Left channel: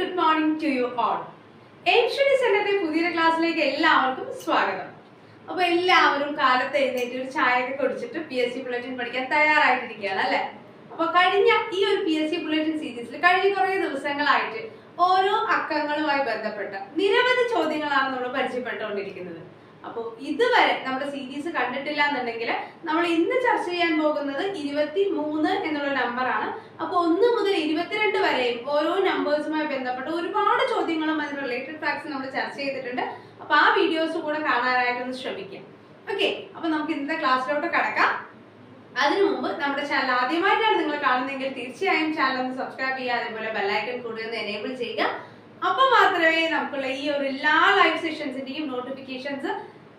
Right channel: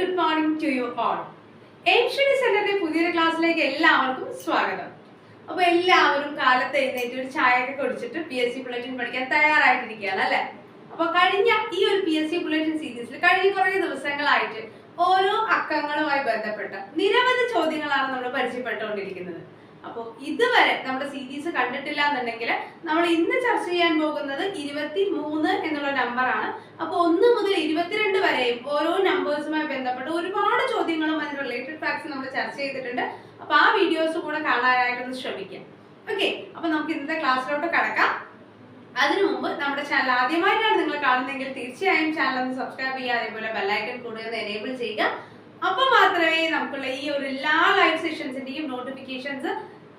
Good morning to you all Asian സെന്ററിന്റെ പുതിയൊരു ക്ലാസ്സിലേക്ക് എല്ലാവർക്കും സ്വാഗതം. അപ്പൊ എല്ലാവരും കാലത്ത് എഴുന്നേറ്റ് ഒരു ചായയൊക്കെ കുടിച്ചിട്ട് പി എസ് സി ബുള്ളറ്റിൻ പഠിക്കാൻ തയ്യാറായിട്ടിരിക്കുകയാണ് അല്ലെ? അപ്പൊ കഴിഞ്ഞ ഈ ഒരു പി എസ് സി ബുള്ളറ്റിൻ സീരീസിൽ കഴിഞ്ഞ കുറേ ദിവസങ്ങളായിട്ട് ഓരോ അക്കങ്ങളുമായി ബന്ധപ്പെട്ട നിരവധി ചോദ്യങ്ങളാണ് നമ്മൾ പരിചയപ്പെട്ടുകൊണ്ടിരിക്കുന്നത്. അപ്പോൾ ഇതുവരെ നമ്മുടെ സീരീസ് കണ്ടിട്ടില്ല എന്നുണ്ടെങ്കിൽ നമ്മൾ ഇന്ന് ചർച്ച ചെയ്യാൻ പോകുന്നത് ഇരുപത്തി മൂന്ന് എന്നുള്ള നമ്പറാണ് അപ്പോൾ ഒന്ന് മുതൽ ഇരുപത്തിരണ്ട് വരെയും ഓരോ നമ്പേഴ്സുമായി ബന്ധപ്പെട്ട് ഒരുപാട് ചോദ്യങ്ങളും അതിന് റിലേറ്റഡ് ഫാക്ട്സ് നമ്മൾ ചർച്ച ചെയ്തിട്ടുണ്ട്. അപ്പോൾ ആ വീഡിയോസ് കൂടെ കാണാനായിട്ടൊന്ന് ശ്രമിക്കാം. ഓക്കെ അപ്പോൾ നമുക്ക് ഇന്നത്തെ ക്ലാസ്സിലോട്ട് കടക്കാം. അതിനു മുമ്പ് നമ്മുടെ ചാനൽ ആദ്യമായിട്ടാണ് നിങ്ങൾ കാണുന്നതെങ്കിൽ തീർച്ചയായും ചാനൽ ഒന്ന് സബ്സ്ക്രൈബ് ചെയ്യുക അതേപോലെ ബെല്ലൈക്കൺ കൂടെ ഒന്ന് എനേബിൾ ചെയ്യുക. അപ്പോൾ മാത്രമേ നമുക്കുള്ള ഈ ഒരു എല്ലാ ലൈവ് സെഷൻസിന്റെയും നോട്ടിഫിക്കേഷൻസ്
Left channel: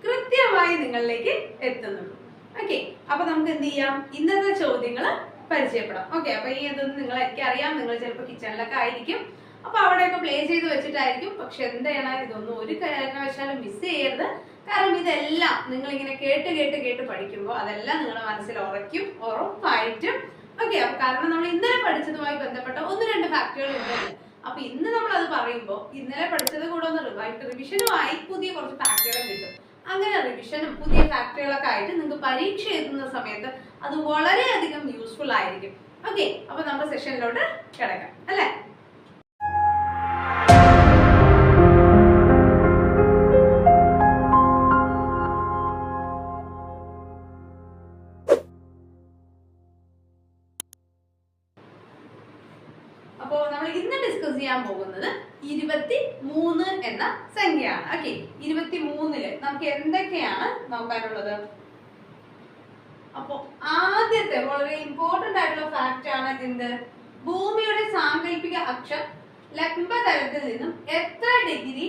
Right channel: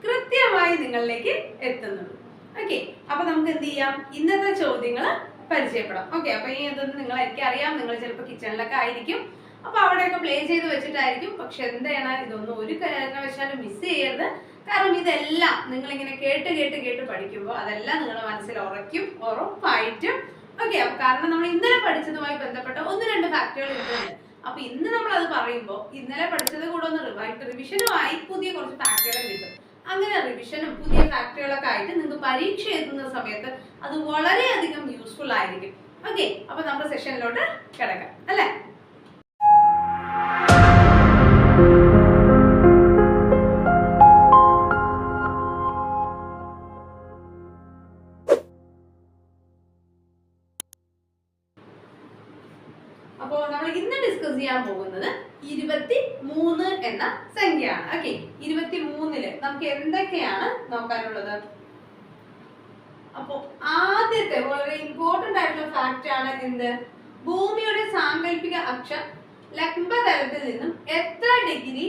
കൃത്യമായി നിങ്ങളിലേക്ക് എത്തുന്നുള്ളൂ. ഓക്കെ അപ്പൊ നമുക്ക് എന്ത് ചെയ്യാം? ഇന്നത്തെ ചോദ്യങ്ങൾ പരിചയപ്പെടാം. ഓക്കെ അപ്പൊ ഈ ഇതൊന്നും നിങ്ങൾ എനിക്ക് അറിയാം. നിങ്ങൾ ചിലപ്പോൾ കിച്ചണിലൊക്കെ ആയിരിക്കും. അപ്പൊ അവിടെയൊക്കെ പ്ലേ ചെയ്ത് വെച്ചിട്ടായിരിക്കും. പക്ഷെ എന്താണ് ഇതൊന്നും ഒരു കാരണവശാലും മിസ് ചെയ്യരുത്. കാരണം ഇതെല്ലാം നിങ്ങൾ ഇങ്ങനെ കേട്ട് കേട്ട് കേട്ട് പഠിക്കുമ്പോൾ അതെല്ലാം നിങ്ങളുടെ മനസ്സിൽ ഉറയ്ക്കും ഉറപ്പായിട്ടും. ഓക്കെ അപ്പൊ കാരണം നമ്മൾ ഇന്നലെ പഠിച്ചതുമായി ബന്ധപ്പെട്ട ഒന്ന് രണ്ട് ഫാക്ടറികൾ ഉണ്ടല്ലോ അപ്പൊ ഇന്ന് നമ്മൾ അത് പറയുമ്പോൾ ഇന്നലെ പഠിച്ചത് കൂടെ ഒന്ന് റിവിഷനുമായി പുതിയ കുറച്ച് ഫാക്ടറികളും കിട്ടും. അങ്ങനെ റിവിഷനും പുതിയ ഫാക്ടറികളൊക്കെ ആയിട്ട് നിങ്ങൾക്ക് പരീക്ഷ എഴുതുന്ന സമയത്ത് അത് വളരെയധികം യൂസ്ഫുൾ ആയിരിക്കും. ഓക്കെ അപ്പൊ നമ്മുടെ സെഷനിലോട്ട് കിടക്കാം. അല്ലേ? നമുക്ക് എന്തൊക്കെയാണ് നോക്കാനുള്ളത്? അപ്പൊ ആദ്യത്തെ വളരെ ഇമ്പോർട്ടന്റ് ആയിട്ടുള്ള ഫാക്ട് ആണ് എന്ത്? ഭൂമിയുടെ സാങ്കല്പിക അക്ഷം ലംബതലത്തിൽ നിന്നും എത്ര ഡിഗ്രി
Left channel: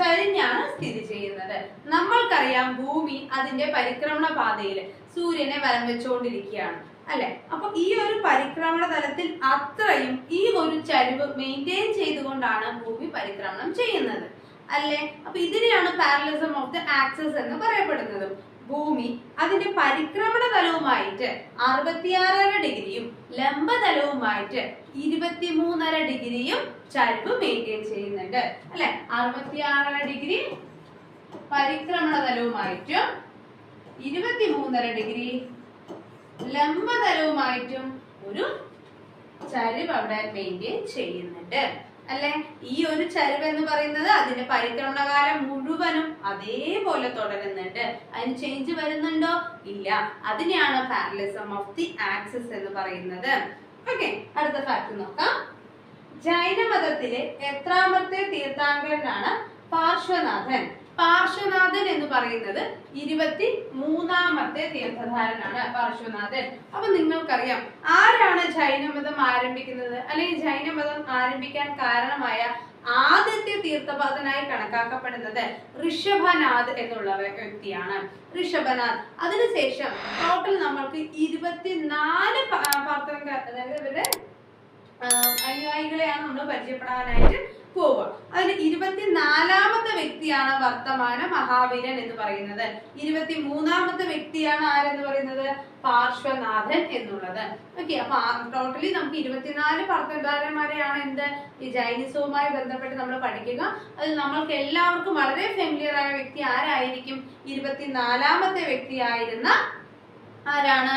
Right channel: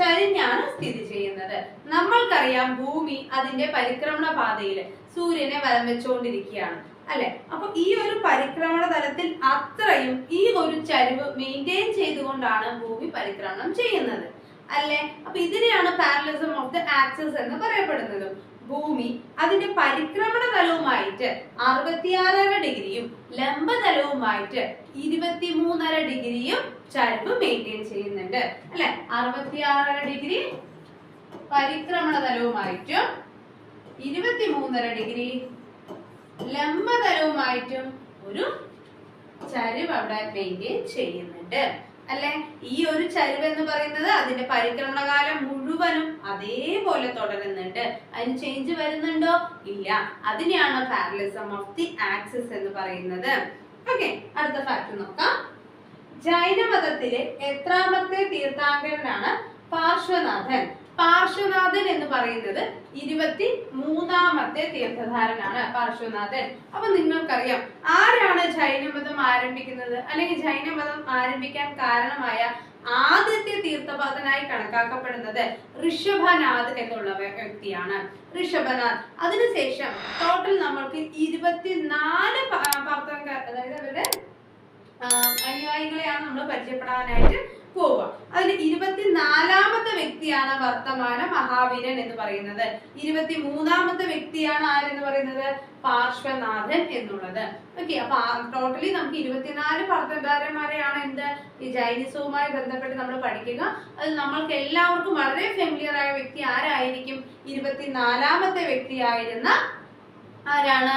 ചരിഞ്ഞാണ് സ്ഥിതി ചെയ്യുന്നത്? നമ്മൾക്കറിയാം ഭൂമി അതിന്റെ പരിക്രമണ പാതയിൽ സൂര്യനെ വലം വെച്ചുകൊണ്ടിരിക്കുകയാണ് അല്ലെ? അപ്പൊ ഈ ഒരു പരിക്രമണ തലത്തിൽ അത്രയും ഈ ഒരു ചരിവ് മെയിന്റെയിൻ ചെയ്തുകൊണ്ടാണ് ഭൂമി പരിക്രമണം ചെയ്യുന്നത്. അല്ലെ? അപ്പൊ ഇതിനെയാണ് പാരലിസം ഓഫ് ദ ആക്സസ് എന്ന് പറയപ്പെടുന്നത്. ഭൂമി അതിന്റെ പരിക്രമണ തലവുമായിട്ട് അറുപത്തിയാറര ഡിഗ്രിയും ലംബതലവുമായിട്ട് ഇരുപത്തിമൂന്നര ഡിഗ്രിയും ചരിവ് മെയിന്റെയിൻ ചെയ്യുന്നുണ്ട്. അല്ലെ? അറുപത്തിയാറര ഡിഗ്രി പരിക്രമണ തലവുമായിട്ടും ഇരുപത്തിമൂന്നര ഡിഗ്രി ലംബതലവുമായിട്ടും ഒരു ചരിവ് അവിടെ മെയിന്റെയിൻ ചെയ്യുന്നുണ്ട്. അല്ലെ? ഈ ഒരു ചരിവ് എന്ന് പറയുന്നത് അതിന്റെ പരിക്രമണകാലം മുഴുവനും അതേപോലെ തുടരുന്നുണ്ട്. അതിന് ചേഞ്ച് വരുന്നുണ്ടോ? ഇല്ല. അതിനെയാണ് പാരലിസം ഓഫ് ദി ആക്സിസ് എന്ന് പറയുന്നത്. ഓക്കെ അടുത്ത ഫാക്ട് നോക്കാം. ജൈനമതത്തിലെ എത്രാമത്തെ തീർത്ഥാങ്കരനാണ് പാർശ്വനാഥൻ. പാർശ്വനാഥൻ എന്ന് പറയുന്നത് ഇരുപത്തി മൂന്നാമത്തെ തീർത്ഥധാരനാണ് പാർശ്വനാഥൻ. അപ്പൊ നിങ്ങൾക്കറിയാം ആരാണ് ജൈനമതം ആരംഭിക്കുന്നത്? അല്ലെങ്കിൽ ജൈനമതം ആരംഭിക്കാൻ കാരണമായ ആദ്യത്തെ തീർത്ഥപാതനായി കണക്കാക്കപ്പെടുന്നത് ഋഷഭനാഥ് എന്നുള്ള വ്യക്തിയാണ്. ഋഷഭനാഥ്. അതിനുശേഷം ടോട്ടൽ നമ്മൾക്ക് ഇരുപത്തിനാല് പാർത്തങ്ക അതായത് അവരുടെ അനുയായികളെയാണ് നമ്മൾ പരിചയപ്പെടാനായിട്ട് പോവുക. അതിൽ ഇരുപത്തിനാലാമത്തെ വ്യക്തിയാണ് വർത്തമാന മഹാവീരൻ എന്ന് പറയുന്നത്. ഇരുപത്തി മൂന്നാമത്തെ വ്യക്തിയാണ് ആരെന്ന് പറയുന്നത്? പാർശ്വനാഥൻ എന്നുള്ളത്. ഓക്കെ അപ്പൊ ടോട്ടലി നമുക്ക് ഇരുപത്തിനാല് പർത്തന്താരന്മാരെയാണ് എന്ത്? ഈ ജൈനിസവുമായി ബന്ധപ്പെട്ട് നമ്മൾ പഠിക്കുക. അതിൽ നമ്മൾക്ക് എല്ലാവർക്കും വളരെ ഫെമിലിയർ ആയ വ്യക്തി ആരായിരിക്കും? ഇരുപത്തിനാലാമത്തെ വ്യക്തിയായിരുന്ന ആരാണ്?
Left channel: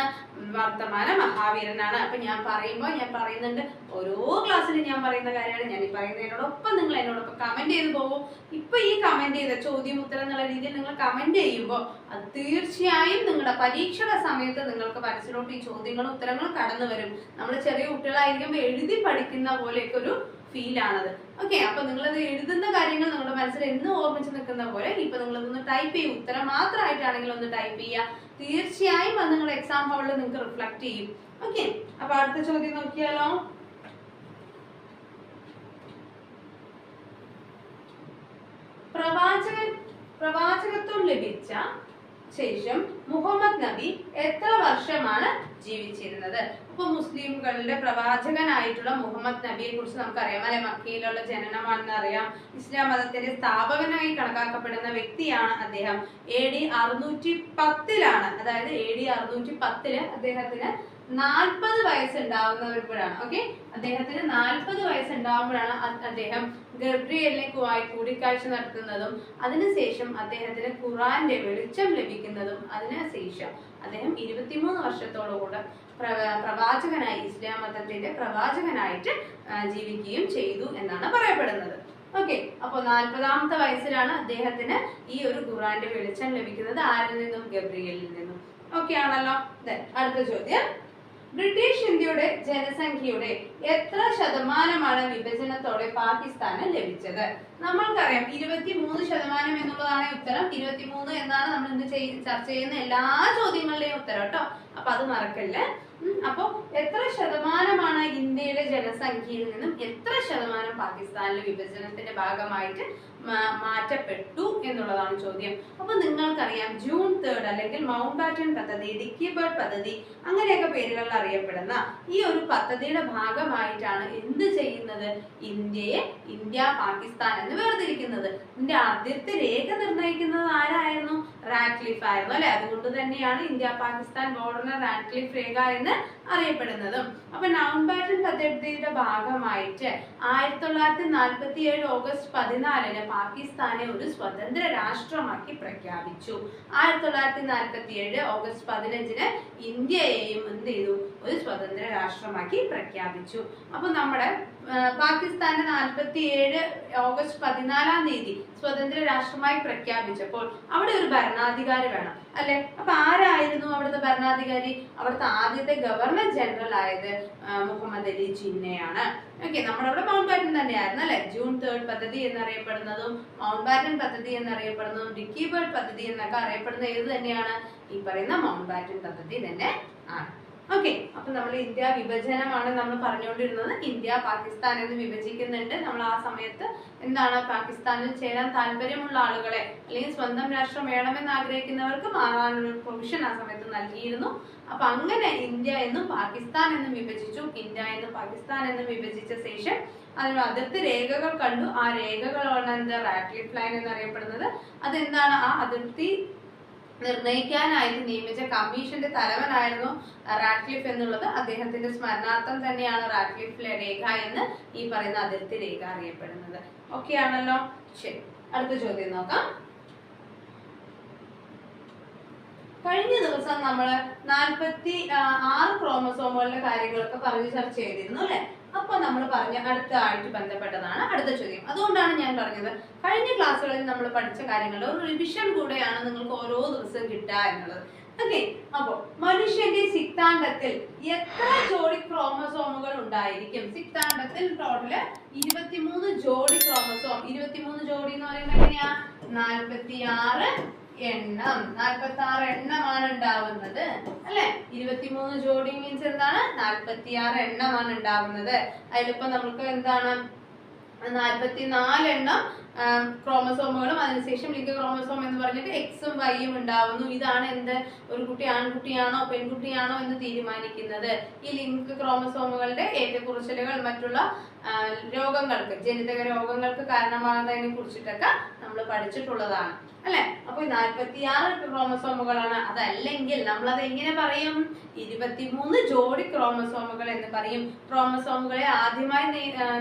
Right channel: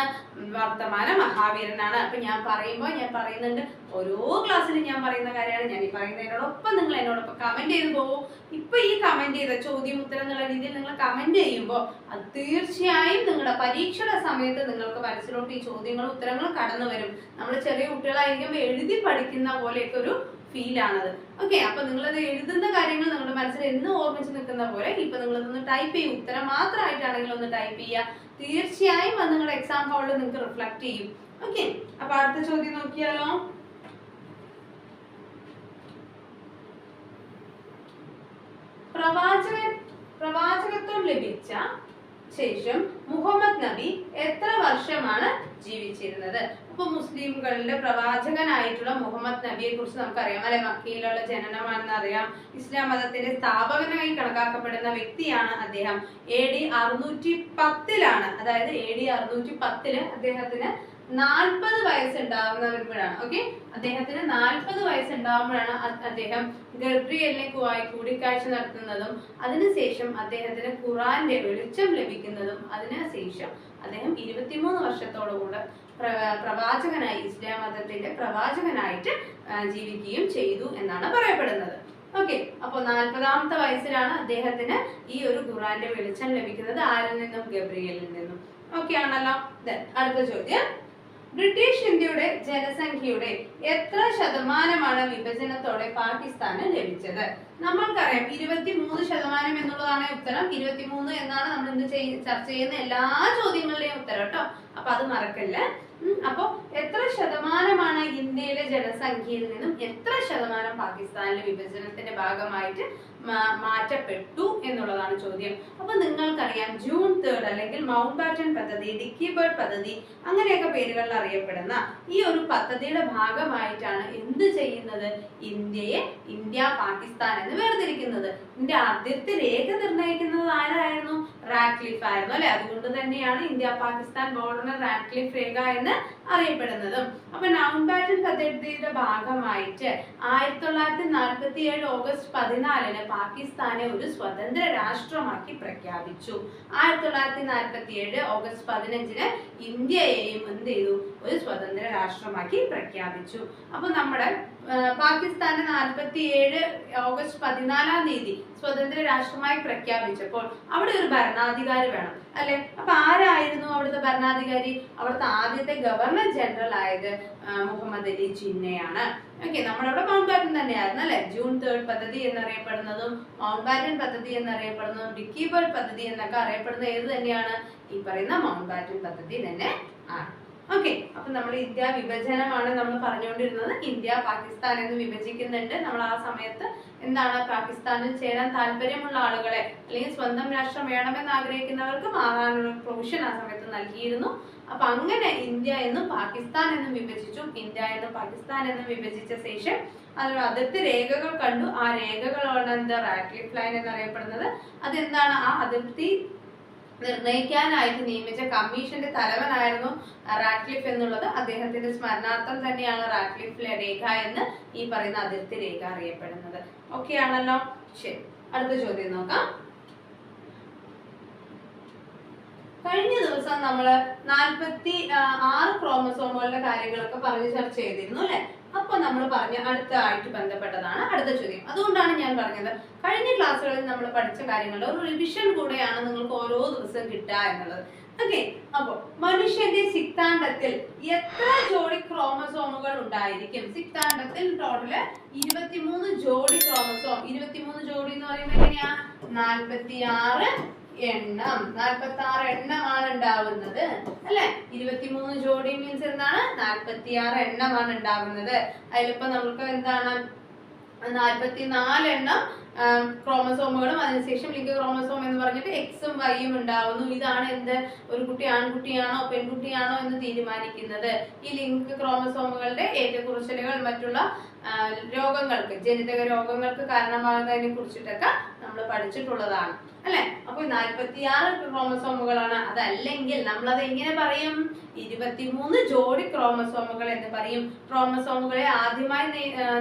വർത്തമാന മഹാവീരനാണ്. അപ്പൊ ഞാൻ പറയുമ്പോൾ ഞാൻ പറയുന്നുണ്ട് ഓരോ ക്ലാസ്സിലും ഞാൻ പറയുന്ന കാര്യമാണ്. ഞാൻ ഈ പറയുന്നതിനോടൊപ്പം നിങ്ങൾ എന്നോടൊപ്പം കമന്റ് ചെയ്ത് പോകും ഇപ്പൊ ഈ കമന്റ് ചെയ്ത ചോദ്യം ഉത്തരം എന്നുള്ള രീതിയിൽ നിങ്ങൾ കമന്റ് ചെയ്യുമ്പോൾ അത് തീർച്ചയായും നിങ്ങളുടെ പരീക്ഷയുടെ സമയത്ത് നിങ്ങൾക്ക് മനസ്സിലോട്ട് ഈ ചോദ്യങ്ങളും ഉത്തരങ്ങളും കടന്നു വരും. നമ്മൾ ചെറിയ കുട്ടികളായിരിക്കുമ്പോൾ എഴുതി പഠിക്കുന്ന പോലെയൊക്കെ ഒരു ഫീൽ ആണത്. ഓക്കെ അപ്പൊ നിങ്ങളത് എഴുതുന്ന കാര്യങ്ങൾ നിങ്ങളുടെ മനസ്സിൽ എന്ന് ഓർമ്മിച്ച് നിൽക്കുന്ന പോലെ ഇപ്പൊ നിങ്ങളതൊന്ന് ടൈപ്പ് ചെയ്യും. ഉത്തരം മാത്രമായിട്ടാണെങ്കിൽ ഒന്ന് ടൈപ്പ് ചെയ്യുക. തീർച്ചയായും അത് നിങ്ങളുടെ എക്സാം ഹാളിൽ നിങ്ങൾക്ക് റിഫ്ലക്ട് ചെയ്യും. ഓക്കെ അപ്പൊ അടുത്ത ചോദ്യം നോക്കിയാലോ? പ്രവാചകൻ പ്രവാചകത്വം ലഭിച്ച ശേഷം മുഹമ്മദ് നബി എത്ര വർഷമാണ് ജീവിച്ചിരുന്നത്? അപ്പൊ മുസ്ലിംകളുടെ പ്രവാചകനായിട്ടുള്ള മുഹമ്മദ് നബിയെ കുറിച്ച് നമുക്കറിയാം അല്ലെ? മക്കയിലുള്ള ജനനമാണെന്ന് അറിയാം. ഇസ്ലാം മതത്തിന്റെ സ്ഥാപകനായി കണക്കാക്കപ്പെടുന്ന വ്യക്തിയാണ് അദ്ദേഹം. എ ഡി അറുന്നൂറ്റി പത്തിലാണ് അതായത് എ ഡി അറുന്നൂറ്റി പത്തിൽ അദ്ദേഹത്തിന് നാൽപ്പത് വയസ്സുണ്ടാവുന്നപ്പോഴാണ് ഓക്കെ? അദ്ദേഹത്തിന് നാൽപ്പത് വയസ്സുണ്ടാവുമ്പോഴാണ് അദ്ദേഹം ഗബ്രിയലിനെക്കുമായി കൂടിക്കാഴ്ച നടത്തുന്നതും അതിനുശേഷം അദ്ദേഹത്തിന് ഖുറാന്റെ വെളിച്ചം ലഭിക്കുന്നതും അതിനുശേഷം അദ്ദേഹം ഇരുപത്തിമൂന്ന് വർഷത്തോടു കൂടെ പ്രവാചകനായി ഇസ്ലാം മതത്തിന്റെ പ്രവാചകനായിട്ട് ജീവിക്കുകയും ചെയ്തു എന്നാണ് പറയപ്പെടുന്നത്. ഓക്കെ അപ്പോൾ നാൽപ്പതാമത്തെ വയസ്സിലാണ് അദ്ദേഹത്തിന് ഈ ഒരു ഖുറാന്റെ വെളിച്ചം ലഭിക്കുന്നത്. ആരിൽ നിന്നും? ഗബ്രിയലിൽ നിന്നും. ഓക്കെ ആണല്ലോ. അടുത്ത ചോദ്യം. ബ്രിട്ടീഷ് ഇന്ത്യയുടെ ജനസംഖ്യയുടെ എത്ര ശതമാനമാണ് വിഭജനത്തോടെ പാകിസ്ഥാന് ലഭിച്ചത്? നമ്മൾക്കറിയാം ഇരുപത്തിമൂന്ന് ശതമാനം എന്നുള്ളതാണ് ഉത്തരം. ഇരുപത്തിമൂന്ന് എന്നാണ് നമ്മൾ ഇന്ന് ചർച്ച ചെയ്യുന്ന എല്ലാ ചോദ്യങ്ങളുടെയും ഉത്തരം കേട്ടോ. അപ്പൊ അത് മറക്കല്ലേ? ഉം, അപ്പൊ എത്ര ശതമാനമാണ് ഇന്ത്യയിലെ ജനസംഖ്യയിൽ നിന്നും എത്ര ശതമാനം പാകിസ്ഥാനിലെ വിഭജനത്തിന്റെ ഭാഗമായിട്ട് മാറ്റപ്പെട്ടു എന്നുള്ളതാണ് ചോദ്യം. അപ്പൊ നിങ്ങൾക്കറിയാം ജൂൺ തേർഡ് അല്ലെങ്കിൽ മൗണ്ട് ബാറ്റൺ പദ്ധതി ഡിക്കി ബേർഡ് പദ്ധതി അങ്ങനെയൊക്കെ പേരുകളിൽ അറിയപ്പെടുന്ന ഈ ഒരു പദ്ധതിയുടെ ഭാഗമായിട്ടാണ് എന്ത് ചെയ്യുന്നത്? ഇന്ത്യയെ ഇന്ത്യ പാകിസ്ഥാൻ എന്ന് വേർതിരിക്കുന്നത്. ഇതിന്റെ ആദ്യത്തെ രേഖ നിർണയിക്കുന്നത് ആരായിരുന്നു? റാക്ലിഫ് ആയിരുന്നു അല്ലെ? അതുകൊണ്ട് തന്നെയാണ് ഇന്ത്യ പാകിസ്ഥാൻ ബോർഡറിന് റാക്ലിഫ് രേഖ എന്ന് അറിയപ്പെടുന്നതും. അപ്പൊ നൗൺ ബാറ്റൺ പദ്ധതിയുടെ ഭാഗമായിട്ട് ആയിരത്തി തൊള്ളായിരത്തി നാൽപ്പത്തി ഏഴ് ഓഗസ്റ്റ് പതിനാലിന് പാകിസ്ഥാനെ ഒരു സ്വതന്ത്ര രാഷ്ട്രമാക്കി പ്രഖ്യാപിച്ചു. ആയിരത്തി തൊള്ളായിരത്തി നാൽപ്പത്തി ഏഴ് ഓഗസ്റ്റ് പതിനഞ്ചിന് ഇന്ത്യയെയും എന്ത് ചെയ്തു? ഒരു സ്വതന്ത്ര രാഷ്ട്രമാക്കി പ്രഖ്യാപിച്ചു. അപ്പൊ നമ്മുടെ പാകിസ്ഥാനെ നാൽപ്പത്തി ഏഴ് ഓഗസ്റ്റ് പതിനാലാം തീയതി സ്വതന്ത്ര രാഷ്ട്രമായി പ്രഖ്യാപിച്ചപ്പോൾ അവിടെ ഒരു ഭരണാധികാരി വേണം. അല്ലെ? അപ്പൊ ആരായിരുന്നു അവിടുത്തെ ഭരണാധികാരി? അവിടുത്തെ ആദ്യത്തെ ഗവർണർ ജനറൽ ആയത് മുഹമ്മദ് അലി ജിന്നയാണ്. ഓക്കെ നമ്മളവിടെ മൗണ്ട് ബാറ്റൻ തന്നെയായിരുന്നു അല്ലെ? ജൂൺ തേർഡ് പദ്ധതി എന്നറിയപ്പെടുന്നതും മൗണ്ട് ബാറ്റൻ പദ്ധതി എന്നറിയപ്പെടുന്നതും ഡിക്കി ബേർഡ് പദ്ധതി എന്നൊക്കെ അറിയപ്പെടുന്ന ഏത് തന്നെയാണ്? ഈ പറയുന്ന മൗണ്ട് ബാറ്റൻ പദ്ധതി തന്നെ ആണ്. ഓക്കെ അപ്പൊ നമ്മൾ ഇന്ത്യ വിഭജനമാണ് നമ്മൾ പറഞ്ഞുകൊണ്ടിരുന്നത്. ഇന്ത്യ പാകിസ്ഥാൻ എന്ന് വിഭജിക്കുന്നുണ്ട്. നമ്മൾ ആ സമയത്ത് എന്താണ് പാകിസ്ഥാനിൽ ചേരാൻ താല്പര്യമുള്ള ആളുകളെ അല്ലെങ്കിൽ സ്വന്തം രാഷ്ട്രം വേണമെന്ന് ആഗ്രഹിക്കുന്നവർക്ക് മാറാനുള്ള പ്രൊവിഷൻ ആ സമയത്ത് നൽകിയിരുന്നു. അപ്പൊ അങ്ങനെ ഇന്ത്യ എന്നും പാകിസ്ഥാൻ എന്നും വിഭജിച്ചു. ഇന്ത്യ എന്നും പാകിസ്ഥാൻ എന്നും വിഭജിച്ച ശേഷം അതിന് അതിർത്തി രേഖകൾ കണ്ടു. ആ രേഖകളാണ് എന്താ റാറ്റ്ലിഫ് ലൈൻ എന്നറിയപ്പെടുന്നത്. അതെന്താണ്? ആ അതിർത്തി നിർണയിക്കാനായിട്ട് നിയമിച്ച കമ്മീഷന്റെ തലവനായിരുന്നു റാറ്റ്ലിഫ് എന്നുള്ളത്. അദ്ദേഹത്തിന്റെ സ്മരണാർത്ഥം തന്നെയാണ് റാറ്റ്ലിഫ് രേഖ എന്ന് ഈ പറയുന്ന അതിർത്തി രേഖ അറിയപ്പെടുന്നത്. ഓക്കെ ആണല്ലോ? ശരി. അടുത്ത ചോദ്യം നോക്കാം. കഴിഞ്ഞ ദിവസം നമ്മൾ നാൽപ്പത്തി ആറ് ക്രോമസോമുകളുടെ കാര്യങ്ങളൊക്കെ പറഞ്ഞ് ചർച്ച ചെയ്തിരുന്നു അല്ലെ? അപ്പൊ നമ്മൾ പറഞ്ഞ അടുത്ത ആയിട്ട് ബന്ധപ്പെട്ടതാണ് അടുത്ത ചോദ്യം. അതുകൊണ്ടാണ് ഞാൻ പറഞ്ഞത് കഴിഞ്ഞ ക്ലാസ്സുകളിൽ നമ്മൾ പഠിച്ച കാര്യങ്ങളുടെ ഒരു റിവിഷൻ കൂടെയാണ് നിങ്ങൾക്ക് ഓരോ ദിവസം കിട്ടുക എന്നുള്ളത്. ഓക്കെ അപ്പോൾ മനുഷ്യന്റെ സിക്താണ്ടത്തിൽ എത്ര ജോഡി ക്രോമസോമുകൾ ഉണ്ടായിരിക്കും? സിക്താണ്ടത്തിൽ ടോട്ടൽ ഇരുപത്തിമൂന്ന് ജോഡി ക്രോമസോം. ഇരുപത്തിമൂന്ന് ജോഡി എന്ന് പറയുമ്പോൾ എങ്ങനെയാ? നാൽപ്പത്തി ആറ് എണ്ണം. നാൽപ്പത്തി ആറ് എണ്ണമാണ് ഉണ്ടാവുന്നത് അല്ലെ? ഇരുപത്തിമൂന്ന് ജോഡി മീൻസ് എന്താണ്? നാൽപ്പത്തി ആറ് എണ്ണമാണ് ഉണ്ടാവുന്നത്. അതിലിപ്പോ നമുക്ക് എന്താണ്? നാൽപ്പത്തി നാല് എണ്ണം ക്രോമസോമുകളും അതിനുശേഷം ലിംഗ ക്രോമസോം എന്ന് പറഞ്ഞിട്ട് എക്സും വൈയും ഉണ്ടാവുന്നു. ഇതാണ് എന്ത്? ഒരു കുട്ടി ആൺകുട്ടിയാണോ പെൺകുട്ടിയാണോ എന്ന് തീരുമാനിക്കുന്നത്. ഈ ലിംഗ ക്രോമസോമുകളുടെ ഏറ്റക്കുറച്ചിലുകൾ മറ്റുള്ള രോഗങ്ങൾക്ക് ജനിതക രോഗങ്ങൾക്ക് കാരണമാകുന്നതിനെ കുറിച്ചിട്ടൊക്കെ നമ്മൾ പഠിച്ചിട്ടുള്ളതാണ്. അല്ലെ? അപ്പൊ നാൽപ്പത്തിയാറ് ക്രോമസോമുകളാണ്. അതല്ലെങ്കിൽ നമ്മൾ അത് എങ്ങനെ പറയും? ഇരുപത്തിമൂന്ന് ജോഡി ക്രോമസോമുകൾ എന്ന് പറയും. ക്രോമസോമുകളെ ആദ്യമായി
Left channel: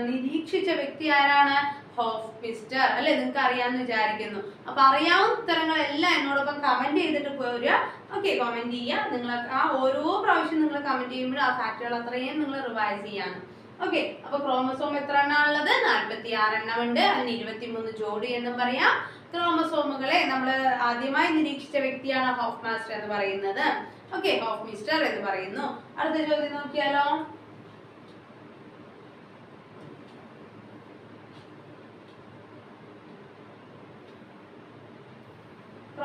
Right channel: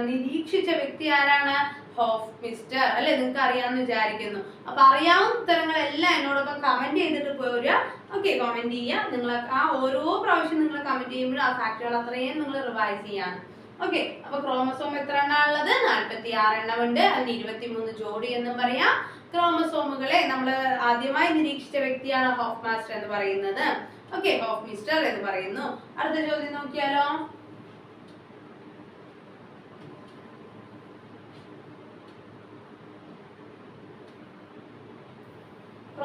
നിരീക്ഷിച്ച വ്യക്തി ആരാണ്? ഹോഫ് മിസ്റ്റർ അല്ലെ? നിങ്ങൾക്ക് അറിയാമെന്ന് വിചാരിക്കുന്നു. അപ്പൊ അറിയാവുന്ന ഉത്തരങ്ങളെല്ലാം എന്നോടൊപ്പം കമന്റ് ചെയ്തിട്ട് പോരുക ഓക്കെ കമന്റ് ചെയ്യുക. നിങ്ങൾ ആ ഓരോ പ്രാവശ്യം നിങ്ങൾ കമന്റ് ചെയ്യുമ്പോഴും ആ ഫാക്ടുകൾ അത്രയും നിങ്ങൾ റിവൈസ് ചെയ്യാണ്. ഓക്കെ അപ്പൊ ക്രോമസോം എത്ര എണ്ണം ഉള്ളത് നാൽപ്പത്തി ആറ് എണ്ണം ഉണ്ട് അതിന് ഇരുപത്തിമൂന്ന് ജോഡി എന്ന് പറയാം. ക്രോമസോമുകളെ നമ്മൾ ആദ്യമായി നിരീക്ഷിച്ച വ്യക്തിയാണ് ഹോഫ് മാസ്റ്റർ എന്ന് പറയുന്നത്. ഓക്കെ ഹോഫ് മിസ്റ്റർ എന്ന് പറയുന്നു. അടുത്ത ചോദ്യം നോക്കിയാലോ?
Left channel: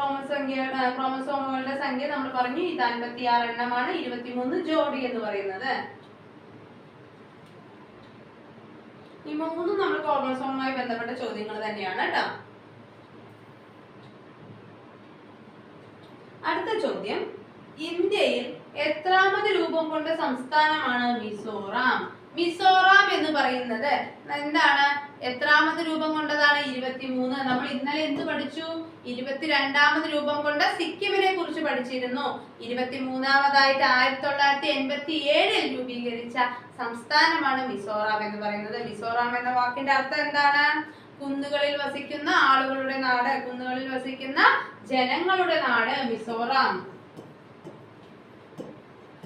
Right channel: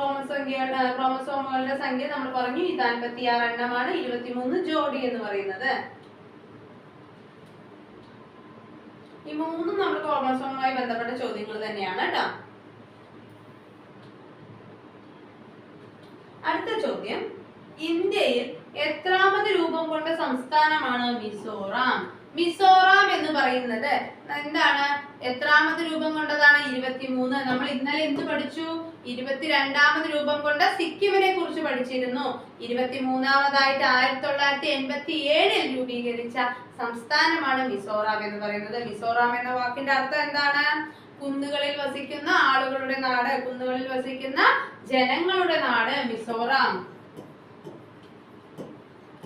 ക്രോമസംഖ്യയുടെ ക്രോമസോമുകളുടെ സംഖ്യ നമ്മൾ പറഞ്ഞു. ഇത് അൻപത്തി ആറ് എണ്ണമാണ്. ഇരുപത്തിമൂന്ന് ജോഡി എന്ന് പറയുന്നത്. ഈ മൂന്നും നമ്മൾ ക്രോമസോമുമായി ബന്ധപ്പെട്ട ചോദ്യങ്ങൾ തന്നെയാണ് കേട്ടോ. അടുത്ത ചോദ്യം. ഇന്ത്യയിൽ എത്രാമത് രൂപം കൊണ്ട സംസ്ഥാനമാണ് മിസോറാം. മിസോറാം എന്ന് പറയുന്നത് എന്താണ്? എത്രാമത് രൂപം കൊണ്ടതാണ്? ഇരുപത്തിമൂന്ന്. നമ്മൾ ഇന്നലെ എന്ത് പഠിച്ചു? ഇരുപത്തിരണ്ടാമത് രൂപം കൊണ്ട സിക്കിമിനെ കുറിച്ച് പഠിച്ചിരുന്നു. ഇരുപത്തിമൂന്നാമതായിട്ട് ആയിരത്തി തൊള്ളായിരത്തി എൺപത്തി ഏഴിൽ രൂപീകരിച്ച സംസ്ഥാനമാണ് മിസോറാം എന്ന് പറയുന്നത്. മിസോറാം എന്ന വാക്കിന്റെ അർത്ഥം എന്താണ്? കുന്നുകളിൽ വസിക്കുന്ന ആളുകളുടെ നാട് കുന്നുകളിൽ വസിക്കുന്ന ജനങ്ങളുടെ നാട് മിസോറാം.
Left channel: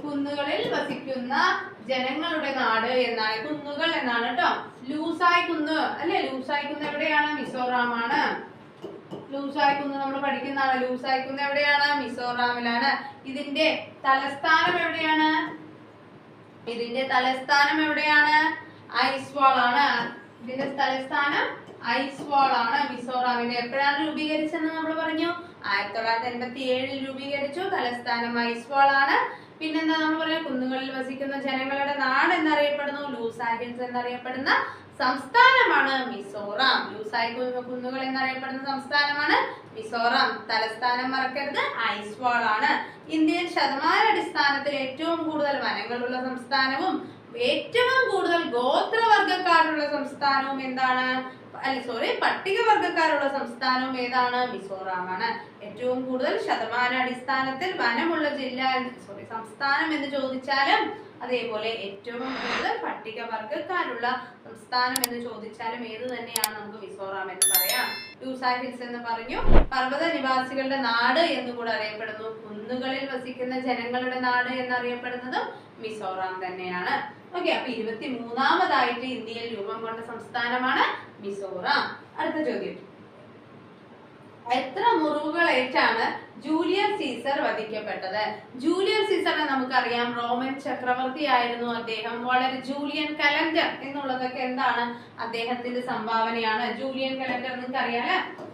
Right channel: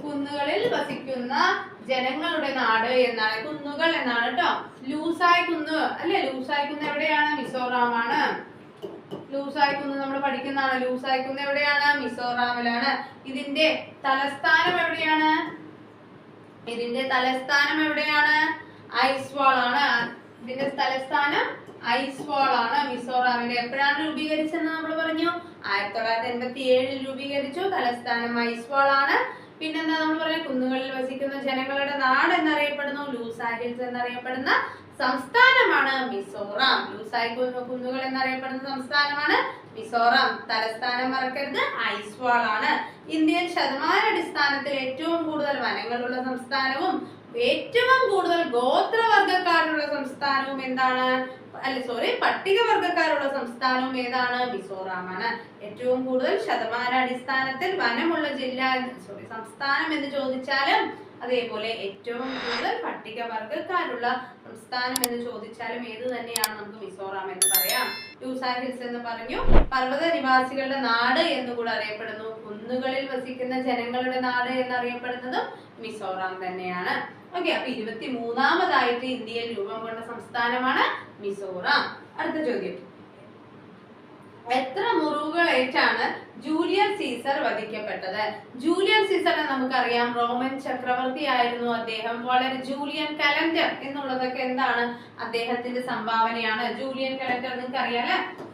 കുന്നുകളിൽ വസിക്കുന്ന ജനങ്ങളുടെ നാട് എന്നാണ്. കുന്നുകൾ എന്നാണ് കേട്ടോ ലൂസായ് കുന്ന് അല്ലെ? ലൂസായ് കുന്ന് എവിടെയാണ്? മിസോറാമാണ്. ലൂസായ് കുന്ന് നമ്മൾ പഠിക്കുന്നതാണ്. ലൂസായ് കുന്ന് എവിടെയാണ്? മിസോറാമിലാണ്. ഇതിന്റെ തലസ്ഥാനം എവിടെയാണ്? ഇതിന്റെ തലസ്ഥാനം എവിടെയാണ്? ഐസ്വാൾ ആണ് ഇതിന്റെ തലസ്ഥാനം ഐസ്വാൾ ആണ് മിസോറാമിന്റെ എപ്പോഴാണ് രൂപീകരിച്ചെന്ന് നമ്മൾ പറഞ്ഞു? ആയിരത്തി തൊള്ളായിരത്തി എൺപത്തി ഏഴിൽ രൂപീകരിച്ചു. തലസ്ഥാനം ഐസ്വാൾ ആണ് പിന്നെന്താ നമ്മൾ പറയാം കുന്നുകളിൽ വസിക്കുന്ന ജനങ്ങളുടെ നാട് എന്നറിയപ്പെടുന്നു ഹിൽസ് എന്നറിയപ്പെടുന്ന സംസ്ഥാനമാണ് മിസോറാം. ലൂസായി കുന്നുകൾ എന്നറിയപ്പെടുന്ന സംസ്ഥാനമാണ് മിസോറാം. തലസ്ഥാനം മറക്കരുത് ഐസ്വാൾ ആണ് ഇന്ത്യയിൽ ശതമാന അടിസ്ഥാനത്തിൽ ഏറ്റവും കൂടുതൽ വനങ്ങളുള്ള സംസ്ഥാനവും ഏറ്റവും കൂടുതൽ ഗോത്രവർഗക്കാരുള്ള സംസ്ഥാനവും എന്താണ്? അല്ല സോറി പട്ടികവർഗക്കാരുള്ള സംസ്ഥാനവും ഏതാണ്? മിസോറാമാണ്. ഏറ്റവും കൂടുതൽ ശതമാന അടിസ്ഥാനത്തിൽ വനമുള്ള ജില്ല സോറി സംസ്ഥാനം എന്ന് ചോദിച്ചാലും അതേപോലെ ഏറ്റവും കൂടുതൽ പട്ടികവർഗക്കാരുള്ള സംസ്ഥാനം എന്ന് ചോദിച്ചാലും ഏത് തന്നെയാണ് നമുക്ക് മിസോറാം എന്ന് പറയാം. ടൂസാ ഹിൽസ് എന്ന് പറഞ്ഞു. പർവത നിവാസികളുടെ നാട് എന്ന് കൂടെ അറിയപ്പെടുന്നു. കുന്നുകളിൽ വസിക്കുന്ന ജനങ്ങളുടെ നാട് എന്നറിയപ്പെടുന്നതും മിസോറാം തന്നെയാണ്. ഓക്കെ അപ്പൊ ഇരുപത്തി മൂന്നാമതായിട്ട് ഇന്ത്യയിൽ രൂപം കൊണ്ട സംസ്ഥാനമാണ് മിസോറാം. അടുത്ത ചോദ്യം. എത്ര മുറിവുകളേറ്റാണ് ജൂലിയസ് സീസർ വധിക്കപ്പെട്ടത്? ജൂലിയസ് സീസറെ നമുക്കറിയാം. റോമൻ ചക്രവർത്തി ആയിരുന്നു അദ്ദേഹം. വളരെ ജൂലിയൻ കലണ്ടർ എന്നുള്ളതൊക്കെ എന്താണ് അദ്ദേഹത്തിന്റെ സംഭാവനയാണ്. ജൂലിയൻ കലണ്ടർ നിങ്ങൾക്ക് അറിയാലേ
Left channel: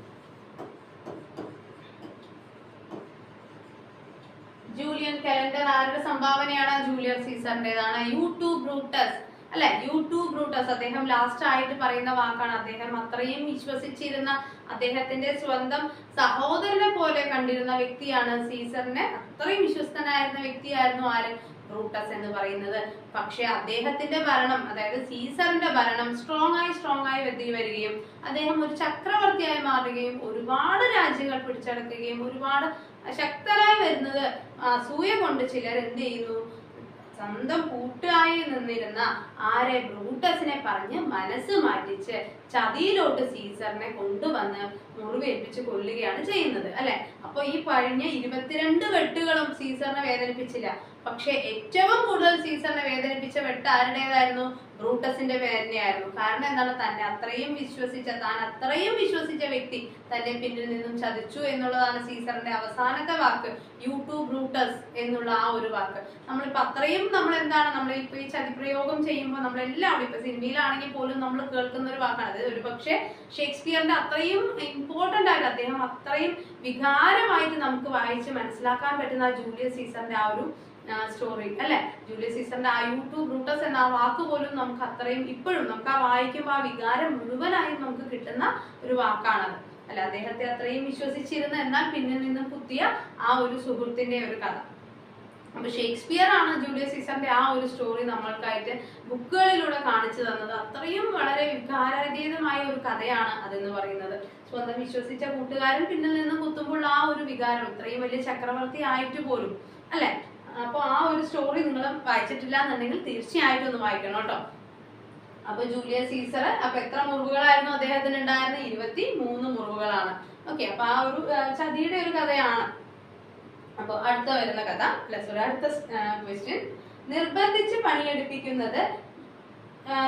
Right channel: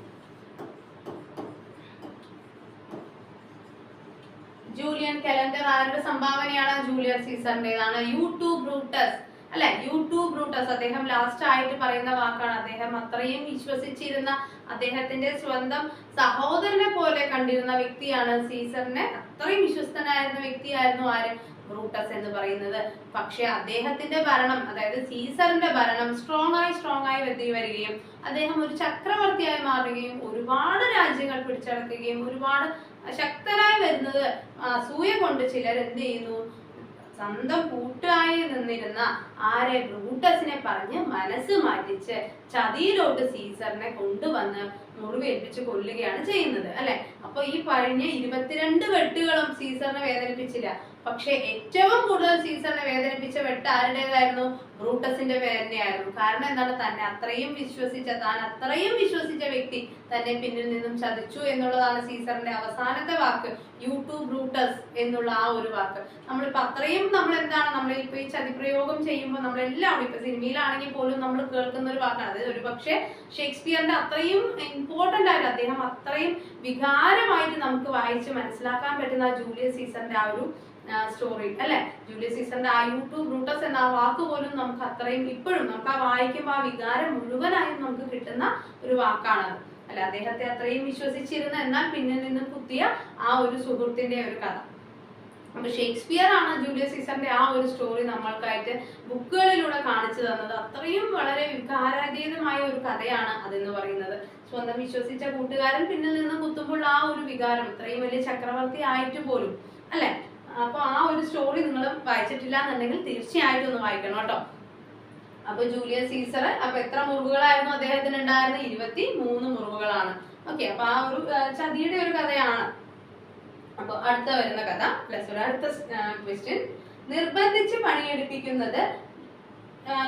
ജൂലിയൻ കലണ്ടർ ആരുടെ സംഭാവനയാണ്? ജൂലിയസ് സീസറിന്റേതാണ്. You too Brutus. അല്ലെ? You too Brutus. അദ്ദേഹം ലാസ്റ്റ് ആയിട്ട് പറയുന്ന വാക്കാണ്. അദ്ദേഹം അത്രയും വിശ്വസിച്ചിരുന്ന അദ്ദേഹത്തിന്റെ സ്വന്തം സഹോദരനെ പോലെ കണ്ടിരുന്ന വ്യക്തിയാണ് സീസറിനെ. അത്രയും വിശ്വസ്തനായിരുന്ന വ്യക്തിയായിരുന്നു ആര്? ബ്രൂട്ടസ് എന്ന് പറയുന്നത്. പക്ഷെ അദ്ദേഹത്തിന്റെ ഭരണം അതായത് സീസറിന്റെ ഭരണം സ്ട്രോങ് ആയി സ്ട്രോങ് ആയി വെത്തി വരികയും അദ്ദേഹം ഒരു ചക്രവർത്തിയായി മാറുകയും ഒരുപാട് രാജ്യങ്ങൾ പിടിച്ചടക്കുകയും ഒരുപാട് ശക്തനായി വരുന്നത് അസൂയ കൊണ്ട് ചിലർ എന്ത് ചെയ്യുന്നു? സ്വന്തം കൂട്ടായി നിന്നിരുന്ന ആരെ ബ്രൂട്ടസിനെ പറഞ്ഞ് മനസ്സ് മാറ്റിച്ച് ചതിയിലോട്ട് സീസറിനെ കൊണ്ടുവന്ന് മുറിവേൽപ്പിച്ച് കൊല്ലുകയാണ് ചെയ്യുന്നത് അല്ലെ? അപ്പൊ ഈ കഴിഞ്ഞ ഇരുപത്തിരണ്ട് വെട്ടുകളും സീസറിനെ വേദനിപ്പിച്ചില്ല. പക്ഷെ ഏറ്റവും കൂടുതൽ സീസറിനെ വേദനിപ്പിച്ച വെട്ട് ആരുടേതായിരുന്നു? ബ്രൂട്ടസിന്റെ വേദനയായിരുന്നു കാരണം എന്താണ്? തന്നെ അത്രയും വിശ്വസിച്ച താൻ അത്രയും വിശ്വസിച്ച വ്യക്തി തന്നെ പിന്നിൽ നിന്നും ചതിച്ചു എന്നുള്ളതാണ് സീസറിന്റെ അവസാനത്തെ വാക്ക്. യൂട്യൂബ് ബ്രൂട്ടസ് എന്നുള്ള ആ ഒരു വാക്ക്. നമ്മളിപ്പോ അത്രയും നമ്മൾ എന്താണ് നമ്മൾ ഇപ്പൊ ഈ ചതിപ്രയോഗം ചെയ്യുമ്പോൾ നമ്മൾ എല്ലാവരും ഇപ്പൊ സിനിമയിലാണെങ്കിൽ പോലും നമ്മൾ കേൾക്കുന്ന ഒരു വാക്കാണ്. അതായത് ഒരു പക്ഷേ ഷേക്സ്പിയറിന്റെ അത്രയും ഇമ്പോർട്ടന്റ് ആയിട്ട് അദ്ദേഹം അത്രയും വികാരമായിട്ട് നമുക്ക് വായിച്ച് മനസ്സിലാക്കാൻ പറ്റുന്ന ആ ജൂലിയസ് സീസറിന്റെ ആ ഒരു സ്റ്റോറി അല്ലെ? ജൂലിയസ് സീസറിന്റെ ആ യൂട്യൂബ് ബ്രൂട്ടസ് എന്ന ആ വാക്ക് പോലും നമുക്ക് അത്രയും ഇപ്പോഴും നമുക്ക് ആ വായിക്കുമ്പോൾ ആ വികാരം മുഴുവനായും നമുക്ക് കിട്ടുന്ന ഒരു വാക്കാണത്. അല്ല അദ്ദേഹത്തെ അത്രയും വിശ്വസിച്ചിരുന്ന എന്നാൽ പിന്നിൽ നിന്നും കുത്തിയ ആ ഒരു സുഹൃത്തിന്റെ ഒരു കഥ. അപ്പൊ ഷേക്സ്പിയർ ആണ് ജൂലിയസ് സീസറിന്റെ ആ ഒരു സ്റ്റോറി നമ്മൾക്കായിട്ട് ബുക്കുകളിലൂടെ കാണിച്ചു തന്നത്. അത്രയും വളരെ വികാരതീതമായ ഒരു കഥയാണ് അതെന്ന് പറയുന്നത്. സ്വന്തം വിശ്വസിച്ച കൂട്ടുകാരൻ പിന്നിൽ നിന്ന് കുത്തുമ്പോൾ ആ ഒരു വികാരം ഇത്രയും വലിയ ചക്രവർത്തി ആയിട്ട് പോലും അല്ലെ? അപ്പൊ ആ ഒരു സ്റ്റോറി നിങ്ങൾ വായിച്ചിട്ടില്ല എന്നുണ്ടെങ്കിൽ തീർച്ചയായിട്ടും ഒന്ന് വായിക്കണം കേട്ടോ. അപ്പൊ ജൂലിയസ് സീസർ അപ്പൊ എത്ര മുറിവുകളായിരുന്നു അദ്ദേഹത്തിന് ഉണ്ടായിരുന്നത് ഇരുപത്തി മൂന്ന് മുറിവുകളാണ്. ഓക്കെ അപ്പൊ ആ ഒരു ചതിയുടെ ഒരു കഥയാണ്. അപ്പൊ അടുത്ത വരുന്ന കഥ പ്ലസ് ഒരു അടുത്ത ക്വസ്റ്റ്യൻ നിർബന്ധിച്ച് പണിയെടുപ്പിക്കുന്നത്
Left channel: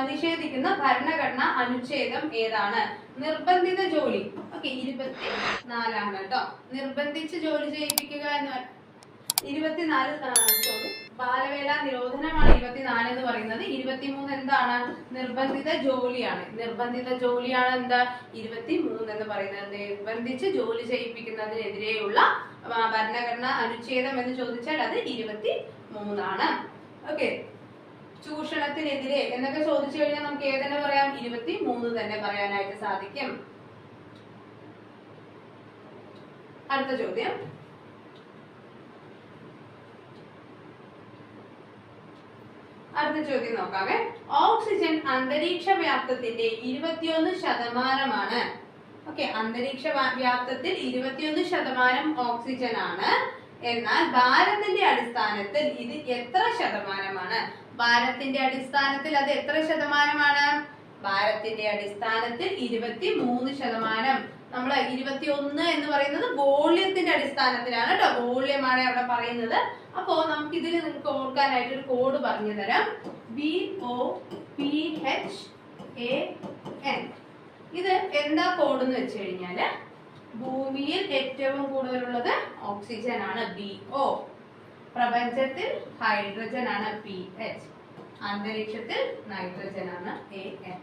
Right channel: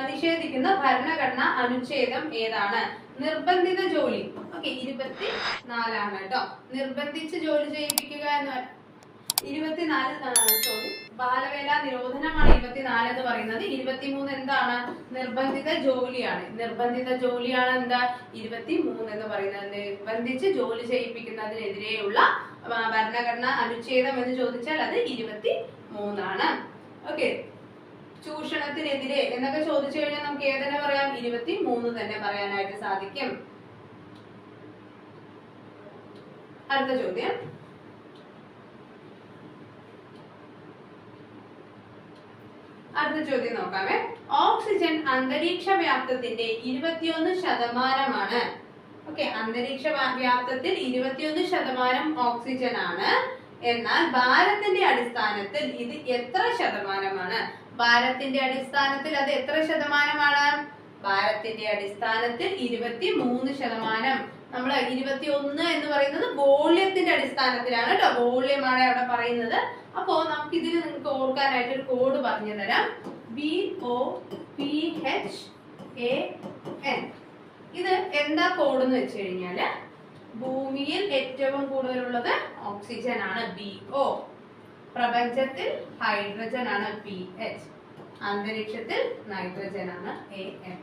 നിഷേധിക്കുന്ന ഭരണഘടന അനുച്ഛേദം ഏതാണ്? നിർബന്ധിത ജോലി. ഓക്കെ ഇരുപത്തി നാലാണ് കേട്ടോ. നിർബന്ധിച്ച് ജോലി ചെയ്യിപ്പിക്കുക എന്ന് ഇരുപത്തിനാല് സോറി ബാലവേല നിരോധനമാണ് ഇരുപത്തിനാല് എന്ന് പറയുന്നത്. ഇരുപത്തിമൂന്ന് എന്താണ്? നിർബന്ധിത ജോലിയാണ്. നിർബന്ധിത ജോലിയാണ് എന്താ? ഇരുപത്തിമൂന്ന് എന്ന് പറയുന്നത്. നിർബന്ധിച്ച് ജോലി ചെയ്യിപ്പിക്കുന്നതിനെതിരെയുള്ള ഭരണഘടന അനുച്ഛേദം എന്ന് ചോദിച്ചാൽ അത് ഇരുപത്തി മൂന്നാണ് ഓക്കെ ചൂഷണത്തിനെതിരെ എന്നൊക്കെ ചോദിച്ചു കഴിഞ്ഞാൽ നമുക്ക് ഏതെന്നെ പറയാം? ഇരുപത്തി മൂന്ന് തന്നെ പറയാനായിട്ട് സാധിക്കും. അടുത്ത ചോദ്യം. അടുത്ത ചോദ്യം നോക്കാമേ ഓക്സിജൻ അന്തരീക്ഷ വ്യാപ്തത്തിന്റെ ഇരുപത്തിയൊന്ന് ശതമാനമാണ്. ഓക്കെ അന്തരീക്ഷ വ്യാ- വ്യാപ്തത്തിൽ ഇരുപത്തിയൊന്ന് ശതമാനം ഓക്സിജൻ ആണ് എന്നാൽ ഭാരത്തിന്റെ അടിസ്ഥാനത്തിൽ ഇത് എത്ര ശതമാനമാണ്? ഭാരത്തിന്റെ അടിസ്ഥാനത്തിൽ അത് എത്ര ശതമാനമാണ്? ഭാരത്തിന്റെ അടിസ്ഥാനത്തിൽ ഇരുപത്തി മൂന്ന് ശതമാനം. നമ്മൾ ഇരുപത്തി ഒന്ന് എന്ന് പറയുന്നത് വോള്യത്തിന്റെ അടിസ്ഥാനത്തിലാണ് കേട്ടോ. വോള്യമാണ് അവിടെ പറയുന്നത്. അപ്പോ നമുക്ക് ഇതിൽ നിങ്ങൾക്ക് ഓർക്കാനായിട്ട് ഒരു കോഡ് പറഞ്ഞു തരാം. B O P H A N ഇത് എന്താ കോഡ് എന്ന് വെച്ച് കഴിഞ്ഞാൽ ഭൂമിയിൽ ഏറ്റവും കൂടുതലുള്ളത് ഓക്സിജൻ ആണ് ബി ഒ പ്രപഞ്ചത്തിൽ ഹൈഡ്രജൻ ആണ് പി എച്ച് അന്തരീക്ഷത്തിൽ നൈട്രജൻ ആണ് എ എൻ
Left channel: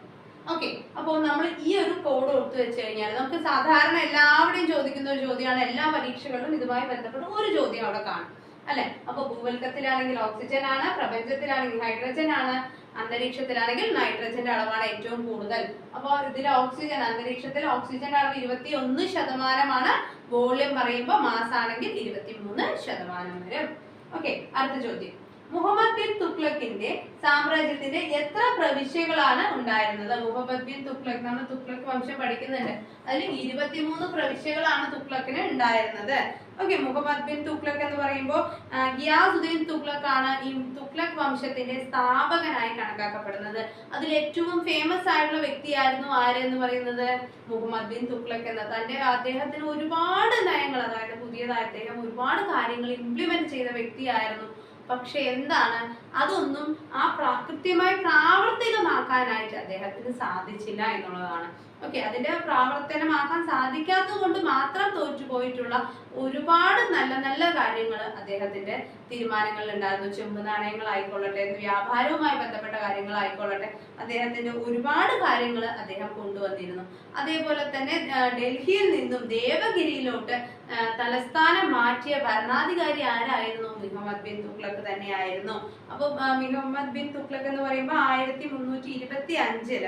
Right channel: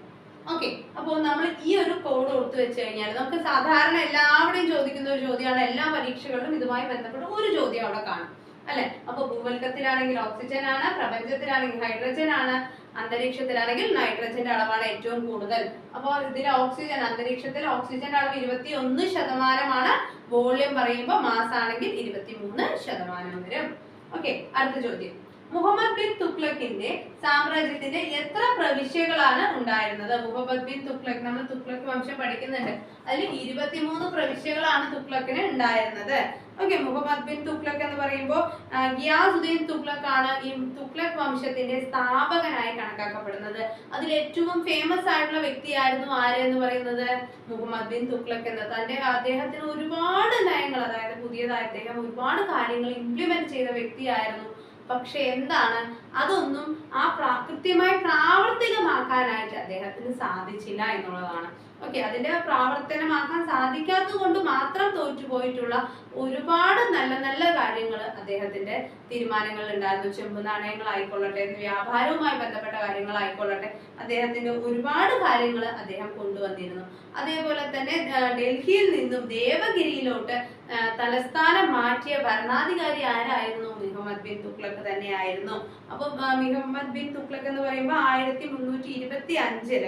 ഓക്കെ അപ്പോൾ നമ്മൾ ഈ ഒരു കോഡ് ഓർത്ത് വെച്ച് കഴിഞ്ഞാൽ നമുക്ക് സാധാരണ എല്ലാവരുടെയും ചോദിക്കുന്ന ഒരു ചോദ്യമാണ്. എല്ലാ പരീക്ഷകളിലും ഇതുമായി ബന്ധപ്പെട്ട് ഒരു ചോദ്യം അവിടെ കാണും. അല്ലെ? അപ്പൊ ഭൂവൽക്കത്തിലാണെങ്കിൽ ഓക്സിജൻ ആണ് പ്രപഞ്ചത്തിലാണെങ്കിൽ ഹൈഡ്രജൻ ആണ് അന്തരീക്ഷത്തിലാണെങ്കിൽ നൈട്രജന്റെ അളവാണ് ഏറ്റവും കൂടുതൽ. അപ്പോൾ ഇതിൽ ഓക്സിജൻ അന്തരീക്ഷത്തിൽ ഓക്സിജന്റെ അളവ് ഇരുപത്തി ഒന്ന് ശതമാനമാണ്. വോള്യം പറയുമ്പോൾ മാസ് ആണെങ്കിൽ ഇരുപത്തി മൂന്ന് ശതമാനം വരും. ഓക്കെ അടുത്ത ചോദ്യം. മുഹമ്മദ് ബിൻ തുഗ്ലക്കിന്റെ സാമ്രാജ്യത്തിന്റെ എത്ര പ്രവിശ്യകളാണ് ഉണ്ടായിരുന്നത്? മുഹമ്മദ് ബിൻ തുഗ്ലക് നമ്മൾ തുഗ്ലക് വംശം പഠിക്കുന്നുണ്ട്. അതിൽ ഇരുപത്തിമൂന്ന് പ്രവിശ്യകളാണ് തുഗ്ലക്കിന് ഉണ്ടായിരുന്നത്. ഓക്കെ മുഹമ്മദ് ബിൻ തുഗ്ലക് എന്ന് പറയുമ്പോൾ ഗിയാസുദ്ദീൻ തുഗ്ലക് ആണ് ഈ തുഗ്ലക് വംശത്തിന്റെ സ്ഥാപകനായി കണക്കാക്കപ്പെടുന്നത്. അതിൽ ഏറ്റവും ഫേമസ് ആയിട്ടുള്ള വ്യക്തിയായിരുന്നു ആര് പറയുന്നത്? മുഹമ്മദ് ബിൻ തുഗ്ലക് എന്ന. തന്റെ അദ്ദേഹത്തിന് ഒരുപാട് നയങ്ങൾ അതായത് പുതിയതായി അദ്ദേഹം ഒരുപാട് കാര്യങ്ങൾ ഇംപ്ലിമെന്റ് ചെയ്ത വ്യക്തിയായിരുന്നു പക്ഷെ എന്താണ്? അതൊന്നും ആ കൃത്യമായി പ്രാവർത്തികമാക്കാനായിട്ട് അദ്ദേഹത്തിന് സാധിച്ചില്ല എന്നുള്ളതാണ്. ഓക്കെ അതിന്റെ പ്രാവർത്തനമാക്കാൻ സാധിക്കാത്തത് കൊണ്ട് മാത്രം തോറ്റുപോയിട്ടുള്ള ഒരുപാട് നല്ല നല്ല കാര്യങ്ങൾ അദ്ദേഹത്തിന്റെ തീരുമാനങ്ങളിൽ ഉണ്ടായിരുന്നു. ചെമ്പ് നാണയങ്ങളായിക്കൊള്ളട്ടെ വ്യാപാരവുമായി ബന്ധപ്പെട്ട കാര്യങ്ങളായിക്കൊള്ളട്ടെ അദ്ദേഹത്തിന്റെ ഒരുപാട് കാര്യങ്ങൾ അദ്ദേഹം കൊണ്ടുവന്നിരുന്നു. അതേപോലെ തന്നെ ഡൽഹിയിൽ നിന്നും ദേവഗിരിയിലോട്ട് തലസ്ഥാനം മാറ്റിയ ഭരണാധികാരി ആരായിരുന്നു? മുഹമ്മദ് ബിൻ തുഗ്ലക്ക് തന്നെയായിരുന്നു. അപ്പൊ മുഹമ്മദ് ബിൻ തുഗ്ലക്ക് എന്ന് പറയുമ്പോൾ ആയിരത്തി മുന്നൂറ്റി ഇരുപത്തി അഞ്ചിൽ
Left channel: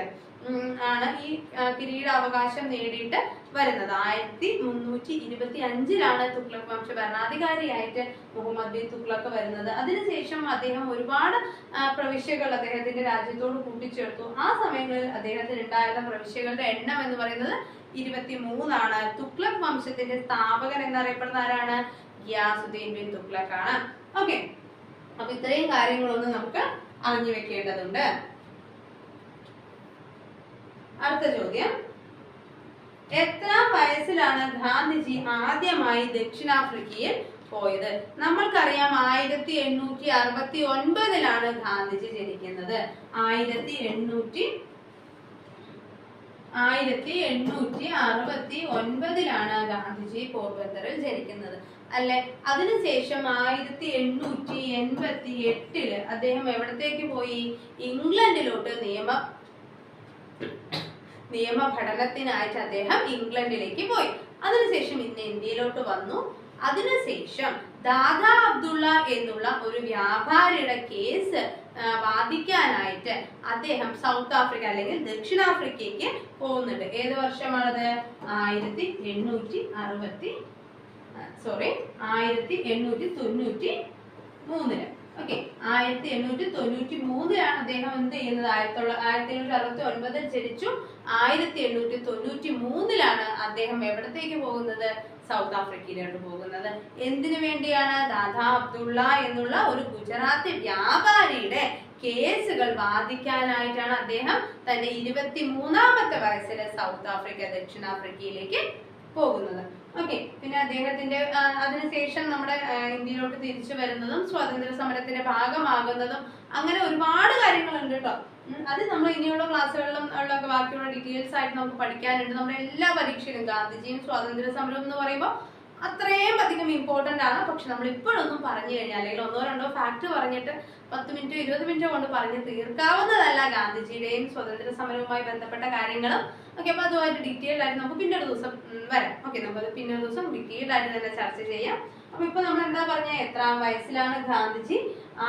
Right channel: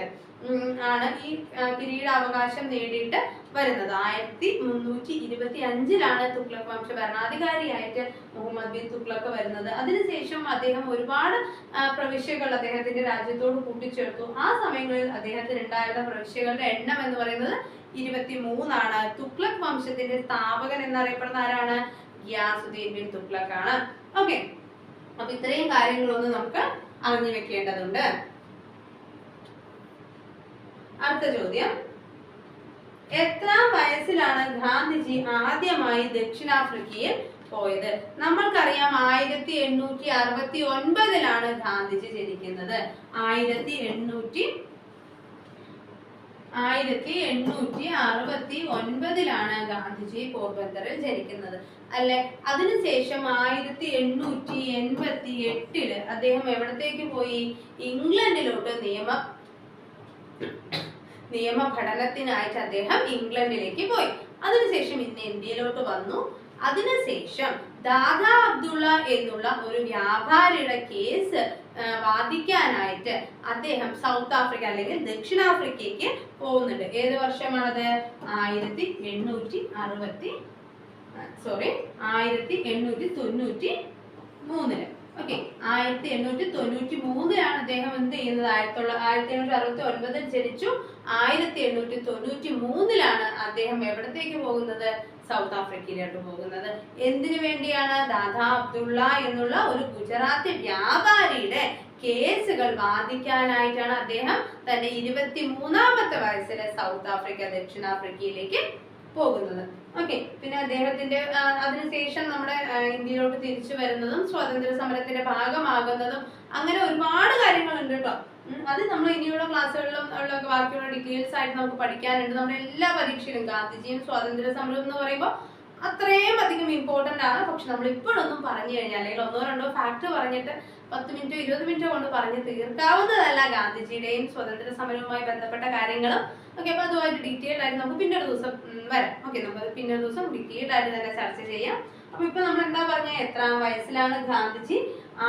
ആണ് ഈ കിരീടാവകാശം നേടിയിട്ട് വരുന്നത്. ആയിരത്തി മുന്നൂറ്റി ഇരുപത്തി അഞ്ചിലാണ് തുഗ്ലക് വംശ ഭരണാധികാരിയായിട്ട് മുഹമ്മദ് ബിൻ തുഗ്ലക്ക് വരുന്നത്. അതിനുശേഷം അദ്ദേഹം ഒരുപാട് പ്രവിശ്യകൾ അദ്ദേഹത്തിന്റെ രാജ്യത്തോട് കൂട്ടിച്ചേർത്തു. ആ സമയങ്ങളിൽ അദ്ദേഹത്തിന് ഉണ്ടായിരുന്ന പ്രവിശ്യകളുടെ എണ്ണം എന്ന് പറയുന്നത് ഇരുപത്തി മൂന്നാണ് തുക്ലക് വംശത്തിന്റെ സ്ഥാപകൻ എന്നറിയപ്പെടുന്ന ആരാണ്? ഗ്യാസുദ്ദീൻ ബിൻ തുഗ്ലക് ആണ് ഓക്കെ. അപ്പൊ ഇത്രയും കാര്യങ്ങളൊന്നും നമുക്ക് അറിഞ്ഞു വെക്കേണ്ടതുണ്ട്. അടുത്ത ചോദ്യം. എത്ര വയസ്സിലാണ് ഗാന്ധിജി ആദ്യമായി ദക്ഷിണാഫ്രിക്കയിൽ പോയത്? നമ്മൾക്കറിയാം ആയിരത്തി എണ്ണൂറ്റി അറുപത്തി ഒൻപതിലാണ് ഗാന്ധിജി ജനിക്കുന്നത്. ആയിരത്തി എണ്ണൂറ്റി ആയിരത്തി എണ്ണൂറ്റി അറുപത്തി ഒൻപതിലാണ് ഗാന്ധിജി പോർബന്തറിൽ ജനിക്കുന്നത്. അല്ലെ? അതിനുശേഷം ആയിരത്തി എണ്ണൂറ്റി എൺപത്തി എട്ടിൽ അദ്ദേഹം എവിടത്തേക്ക് പോയി? ഇംഗ്ലണ്ടിലോട്ട് നിയമ നിയമ പഠനത്തിനായിട്ട് അദ്ദേഹം ഇംഗ്ലണ്ടിലേക്ക് പോയി. അതിനുശേഷം ഇന്ന് ഇന്ത്യയിലോട്ട് വന്നു. അതിനുശേഷം ദാദാ അബ്ദുള്ള എന്നുള്ള ഒരു വ്യാപാരിയുടെ കേസ് വാദിക്കാനായിട്ട് അദ്ദേഹം സൗത്ത് ആഫ്രിക്ക അല്ലെങ്കിൽ ദക്ഷിണാഫ്രിക്കയ്ക്ക് പോകുന്നുണ്ട്. ഏത് വർഷമാണത്? ആയിരത്തി എണ്ണൂറ്റി അറുപത്തി സോറി ആയിരത്തി എണ്ണൂറ്റി തൊണ്ണൂറ്റി മൂന്നിൽ ഓക്കെ ആയിരത്തി എണ്ണൂറ്റി തൊണ്ണൂറ്റി മൂന്നിലാണ് അദ്ദേഹം എന്ത് ചെയ്യുന്നത്? ആയിരത്തി ആയിരത്തി എണ്ണൂറ്റി അറുപത്തി ഒൻപതിൽ ജനിച്ചു. ആയിരത്തി എണ്ണൂറ്റി തൊണ്ണൂറ്റി മൂന്നിലാണ് അദ്ദേഹം എവിടത്തേക്ക് പോകുന്നത്? സൗത്ത് ആഫ്രിക്കയിലോട്ട് പോകുന്നത്. എന്തിനു വേണ്ടിയാണ്? ദാദാ അബ്ദുള്ള എന്നുള്ള ഒരു ഗുജറാത്തി വ്യാപാരിയുടെ കേസുകൾ വാദിക്കാനായിട്ടാണ് അദ്ദേഹം തന്റെ ഇരുപത്തി മൂന്നാമത്തെ വയസ്സിൽ സൗത്ത് ആഫ്രിക്ക ദക്ഷിണാഫ്രിക്കയിലേക്ക് പോകുന്നത്. ഓക്കെ പിന്നെ അദ്ദേഹത്തിന്റെ അതിനുശേഷം നമ്മുടെ ഇന്ത്യയിലോട്ട് തിരിച്ചു വരുന്നതും സ്വാതന്ത്ര്യ സമരത്തിന്റെ ഭാഗമാകുന്നതും അങ്ങനെ ഒരുപാട് കാര്യങ്ങളുണ്ട് കേട്ടോ. അത് നമ്മൾ ഇനിയുള്ള ക്ലാസ്സുകളിലും ഉള്ള ബാക്കിയുള്ള ഡീറ്റെയിൽസ് ആയിട്ട് നമുക്ക് പഠിക്കാനുണ്ട്. നമ്മുടെ എല്ലാ പരീക്ഷയിലും ഗാന്ധിജിയും സ്വാതന്ത്ര്യ സമരവും എന്ന് പറയുമ്പോൾ അത്രയും അധികം ഇമ്പോർട്ടന്റ് ആണ്. പക്ഷെ നമ്മൾ ഇപ്പോഴൊന്നും പറഞ്ഞു കഴിഞ്ഞാൽ അല്ലെങ്കിൽ ഒന്നോ രണ്ടോ ഫാക്ട് പറഞ്ഞിട്ട് പത്ത് മിനിറ്റോ ഇരുപത് മിനിറ്റോ കൊണ്ട് പറഞ്ഞ് തീർക്കാവുന്നതല്ല ഗാന്ധിജിയുടെയും സ്വാതന്ത്ര്യ സമരവുമായി ബന്ധപ്പെട്ട കാര്യങ്ങളും. ഓക്കെ അപ്പൊ അതുമായിട്ട് ഡീറ്റെയിൽഡ് ആയിട്ട് നമുക്ക് പിന്നെ ഒരു ദിവസം വരാം. ഓക്കെ നമ്മൾ പിന്നെ ഒരു ദിവസം ഡീറ്റെയിൽഡ് ആയിട്ട് തന്നെ ചർച്ച ചെയ്യാം. അപ്പൊ ഇപ്പൊ നമ്മൾ എന്താ പറഞ്ഞ? എത്രാം വയസ്സിലാണ് ഗാന്ധിജി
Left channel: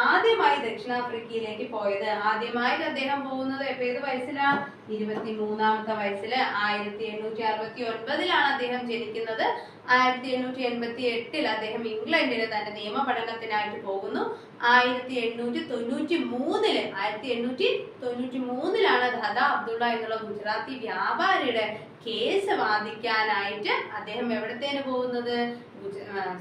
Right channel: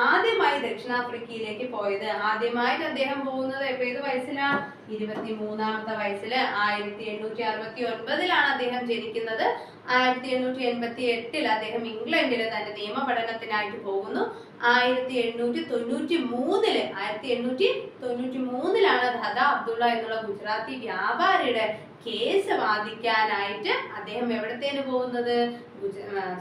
ആദ്യമായി ദക്ഷിണാഫ്രിക്കയിലേക്ക് പോയത്. ആദ്യമായിട്ട് അദ്ദേഹം പോകുന്നത് ഏത് വയസ്സിലാണ്? ഇരുപത്തി മൂന്നാമത്തെ വയസ്സിൽ ആയിരത്തി എണ്ണൂറ്റി അറുപത്തി ഒൻപതിലാണ് അദ്ദേഹം ജനിക്കുന്നത്. ആയിരത്തി എണ്ണൂറ്റി എൺപത്തി എട്ടിൽ അദ്ദേഹം ഇംഗ്ലണ്ടിൽ തന്റെ നിയമ പഠനത്തിനായിട്ട് പോകുന്നു. ആയിരത്തി എണ്ണൂറ്റി തൊണ്ണൂറ്റി മൂന്നിൽ ആയിരത്തി എണ്ണൂറ്റി തൊണ്ണൂറ്റി മൂന്നിലാണ് ധദ അബ്ദുള്ള എന്നുള്ള ഗുജറാത്തി വ്യാപാരിയുടെ കേസ് വാദിക്കാനായിട്ട് അദ്ദേഹം എവിടത്തേന് പോകുന്നത്?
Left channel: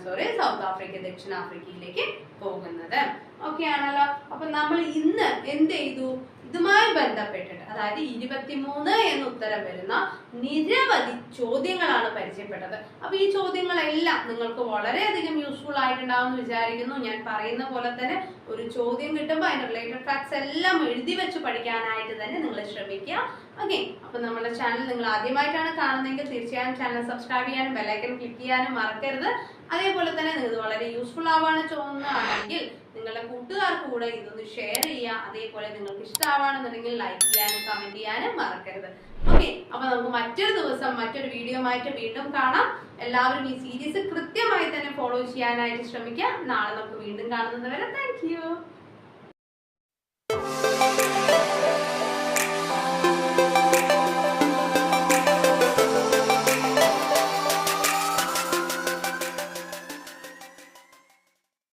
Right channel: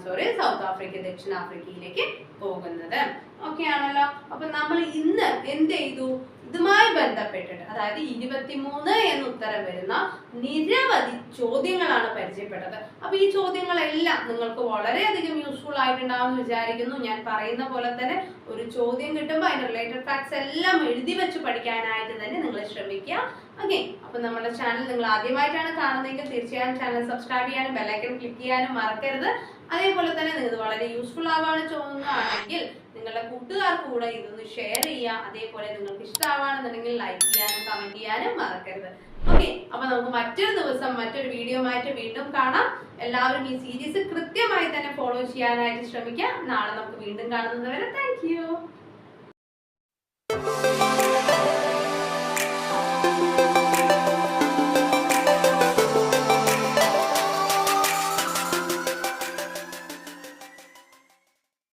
സോറി സൗത്ത് ആഫ്രിക്ക ദക്ഷിണാഫ്രിക്കയിലേക്ക് പോകുന്നത്. ഓക്കെ ആണല്ലോ അപ്പൊ നമ്മൾ ഇന്ന് എന്ത് ചെയ്തു? ഇതുമായി ബന്ധപ്പെട്ടിട്ട് അതായത് ഇരുപത്തിമൂന്ന് എന്ന് ഉത്തരം വരുന്ന നിരവധി ചോദ്യങ്ങളാണ് പരിചയപ്പെട്ടത്. അപ്പൊ ഈ ചോദ്യങ്ങളെല്ലാം നിങ്ങൾക്ക് വളരെയധികം യൂസ്ഫുൾ ആയിട്ടുണ്ടാവും എന്ന് വിചാരിക്കുന്നു. ഞാൻ പറയുന്ന പോലെ തന്നെ ഒരു ചോദ്യം കിട്ടുമ്പോൾ അതിന്റെ റിലേറ്റഡ് ഫാക്ട്സ് എല്ലാം എഴുതി വെച്ച് പഠിക്കാനായിട്ട് തന്നെ നിങ്ങൾ ശ്രമിക്കുക. ഓക്കെ അപ്പൊ നമ്മുടെ ചാനൽ നിങ്ങൾ ആദ്യമായിട്ടാണ് കാണുന്നതെങ്കിൽ തീർച്ചയായും ചാനൽ സബ്സ്ക്രൈബ് ചെയ്യാനും ബെല്ലൈക്കൺ ക്ലിക്ക് ചെയ്യാനും മറക്കരുത്. അതേപോലെ തന്നെ നിങ്ങൾക്ക് വളരെ യൂസ്ഫുൾ ആവാണ് തോന്നുന്നതാണെങ്കിൽ നിങ്ങളുടെ കൂട്ടുകാർക്ക് കൂടെ ഇതൊന്ന് ഷെയർ ചെയ്യുക. അതേപോലെ നിങ്ങൾക്ക് ഇഷ്ടമാവാണെന്നുണ്ടെങ്കിൽ ലൈക്ക് ചെയ്യാനും കമന്റ് ചെയ്യാനും മറക്കരുത്. ഓക്കെ അപ്പൊ നമുക്ക് മറ്റൊരു ദിവസം മറ്റൊരു വീഡിയോ ആയിട്ട് വീണ്ടും കാണാം. എല്ലാവരും ഈ സീരീസ് കൃത്യമായി തന്നെ ഫോളോ ചെയ്യാനായിട്ട് ശ്രമിക്കാം നാളെ നമുക്ക് വീണ്ടും കാണുന്നത് വരെ താങ്ക്